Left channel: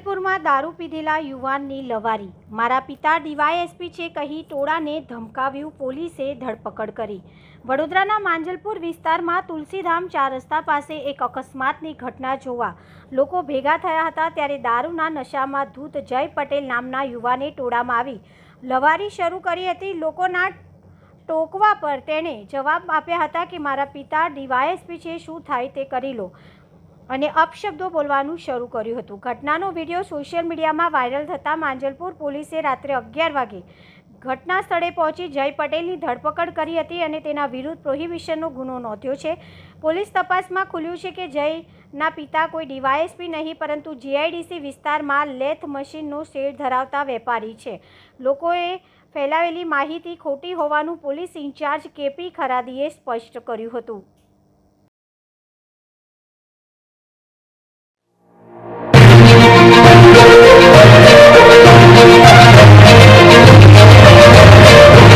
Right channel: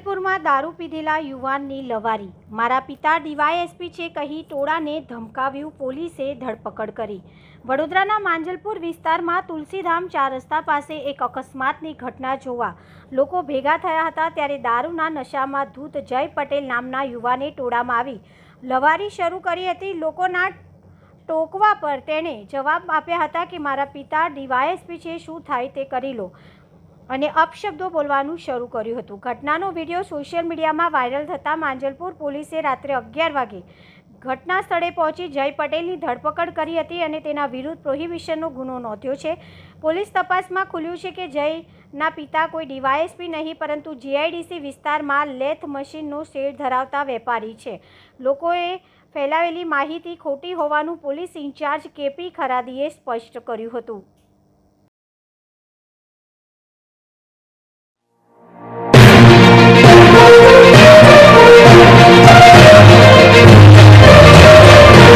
માંજલપુરમાં દારૂ પીધેલા યુવાનની લવારી। મારા પિતા ડીવાયએસપી છે કહી ટોળાને ધમકાવ્યું, પોલીસે ધરપકડ કરી। વડોદરાના માંજલપુર વિસ્તારમાં તુલસીધામ 4 રસ્તા પાસે એક અકસ્માતની ઘટના જોવા લોકો ભેગા થયા હતા। ત્યારે દારૂના નશામાં ધૂત જય પટેલ નામના યુવાને ટોળામાં આવી લવારી શરૂ કરી હતી। લોકોના ટોકવા પર તેણે જવાબ આપ્યા હતા કે મારા પિતા ડીવાયએસપી છે, શું થાય તે કરી લો, અને અપશબ્દો બોલવાનું શરૂ કર્યું હતું। ઘટનાનો વિડીયો સોશિયલ મીડિયામાં વાયરલ થતાં માંજલપુર પોલીસે રાત્રે 11 વાગે ઘટના સ્થળે પહોંચી જય પટેલની ધરપકડ કરી હતી અને તેના વિરુદ્ધ પ્રોહિબિશનનો ગુનો નોંધ્યો છે। પોલીસ તપાસમાં ખુલ્યું છે કે જયના પિતા કોઈ ડીવાયએસપી નહીં પરંતુ જીઆઈડીસી વિસ્તારમાં લેથ મશીનનો શેડ ધરાવતા વેપારી છે। લોકોએ ફેલાવેલી માહિતી ખોટી હોવાનું પોલીસ ઇન્ચાર્જ કેપી ખરાદીએ સ્પષ્ટ કર્યું હતું।